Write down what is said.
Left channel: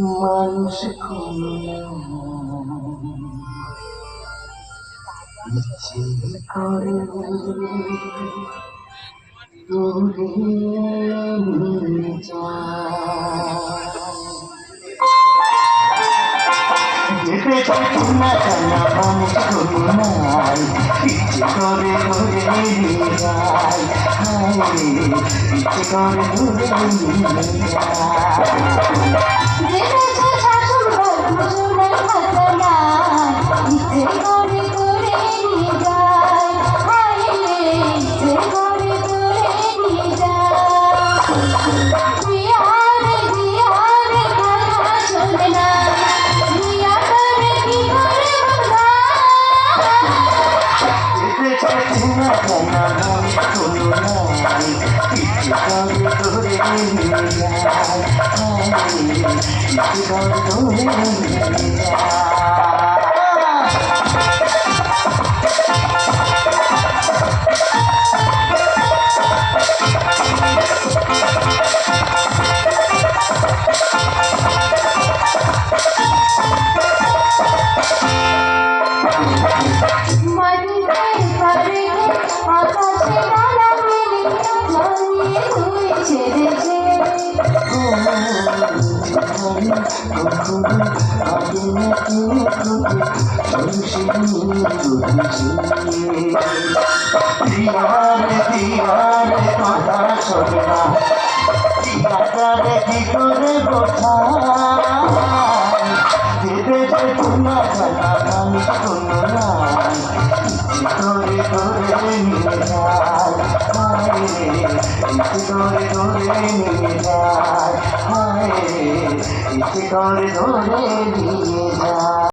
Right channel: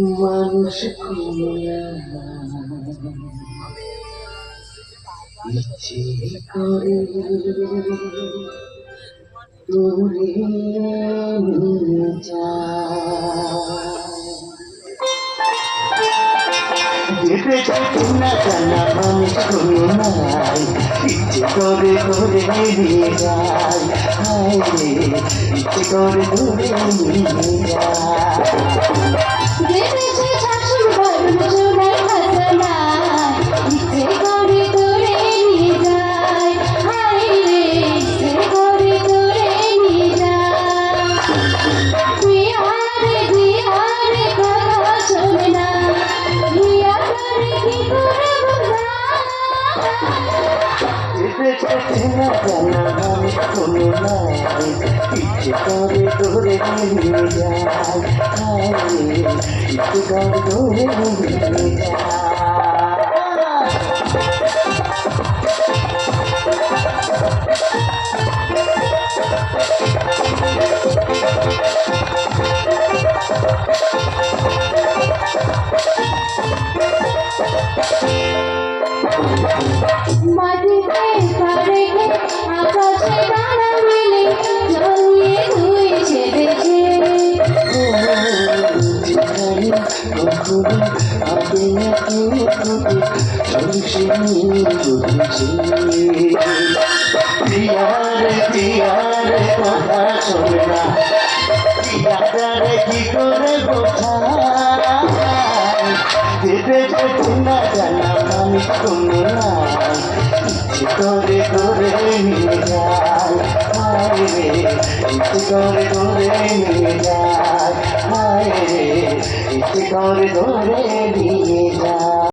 মানুষ খুলনা ইচ্ছে করে দূরে নিয়ে যেতে চাই না জানা মানুষ খুলনা ইচ্ছে করে নিয়ে যায় ইচ্ছে করে দূরে নিয়ে যায় ইচ্ছে করে ধরে নিয়ে ইচ্ছে করে ধরে নিয়ে কথা শোনে না কি করে বোঝা যেতে যেতে না জানা আমি কোনো ইচ্ছে করে নিয়ে যায় ইচ্ছে করে নিয়ে যায় ইচ্ছে করে নিয়ে